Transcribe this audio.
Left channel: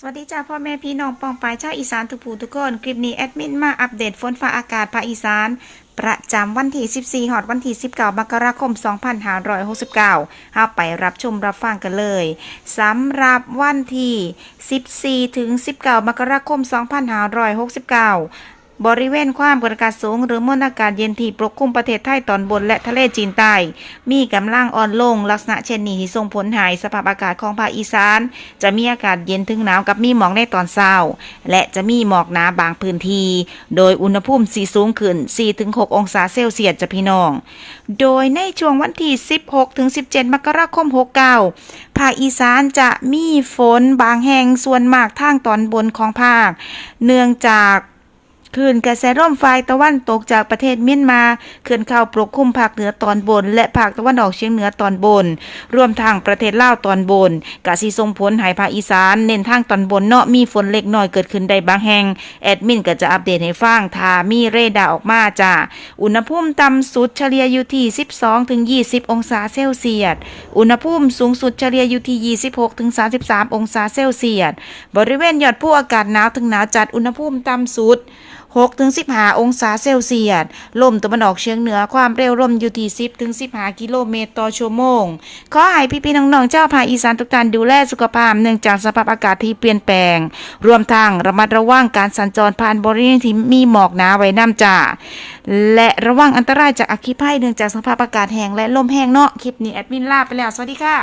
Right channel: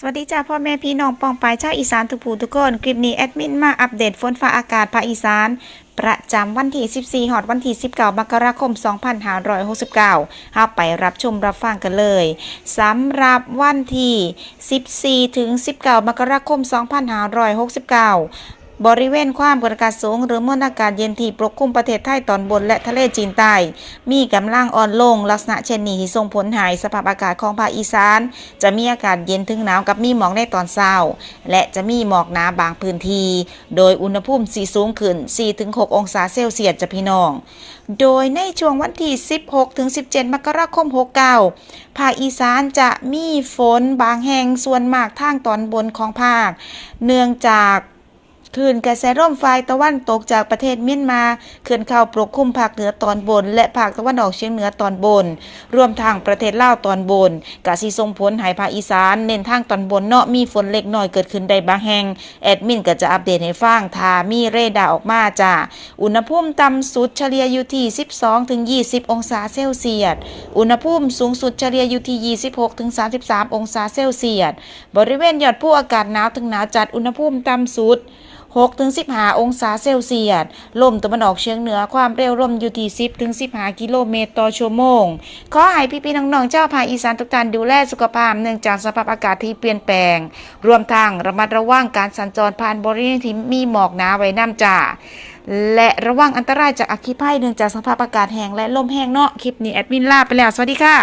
สวัสดีจ้าพ่อแม่พี่น้องปองปายชาวอีสานทุกผู้ทุกคนคลิปนี้แอดมินมาอัปเดตฝนฟ้าอากาศภาคอีสานประจำวันที่14 ฮอดวันที่19 มกราคม 2569เฮาไปรับชมรับฟังกันเลยสำหรับวันที่14 ถึง 19 มกราคม 2569บริเวณความกดอากาศสูงหรือมวลอากาศเย็นที่ปกคลุมประเทศไทยตอนบนและทะเลจีนใต้มีกำลังอ่อนลงลักษณะเช่นนี้ส่งผลให้สภาพอากาศของภาคอีสานจะมีอากาศเย็นถึงหนาวกับมีหมอกในตอนเช้าและจะมีหมอกหนาบางพื้นที่โดยอุณหภูมิสูงขึ้น 4-6 องศาเซลเซียสจ้ะพี่น้องโดยในช่วงวันที่16 ถึง 17 มกราคม 69ภาคอีสานจะมีฝนบางแห่งส่วนมากทางตอนบนของภาคเนื่องจากคลื่นกระแสลมฝ่ายตะวันตกจากประเทศเมียนมาเคลื่อนเข้าปกคลุมภาคเหนือตอนบนและภาคตะวันออกเฉียงเหนือตอนบนรวมทั้งประเทศลาวตอนบนกะสิส่งผลให้ภาคอีสานเน้นทางตอนบนเนาะมีฝนเล็กน้อยเกิดขึ้นได้บางแห่งแอดมินก็จะอัปเดตให้ฟังถ้ามีเรดาร์ออกมาจ้ะอุณหภูมิต่ำสุดเฉลี่ยอยู่ที่12 ถึง 20 องศาเซลเซียสอุณหภูมิสูงสุดเฉลี่ยอยู่ที่26 ถึง 33 องศาเซลเซียสบริเวณยอดภูอากาศหนาวถึงหนาวจัดอุณหภูมิต่ำสุด6 ถึง 15 องศาเซลเซียสลมตะวันออกเฉียงเหนือความเร็วลมอยู่ที่10 ถึง 15 กิโลเมตรต่อชั่วโมงขอให้พี่ๆน้องๆเจ้าภาคอีสานทุกท่านดูแลสุขภาพเนื่องจากสภาพอากาศที่เปลี่ยนแปลงรวมทั้งระมัดระวังการสัญจรผ่านบริเวณที่มีหมอกหนาไว้นำจ้าและระวังอันตรายจากอัคคีภัยเนื่องจากสภาพอากาศแห้งและลมแห้งเนาะคลิปนี้แอดมินลาไปแล้วสวัสดีค่ะ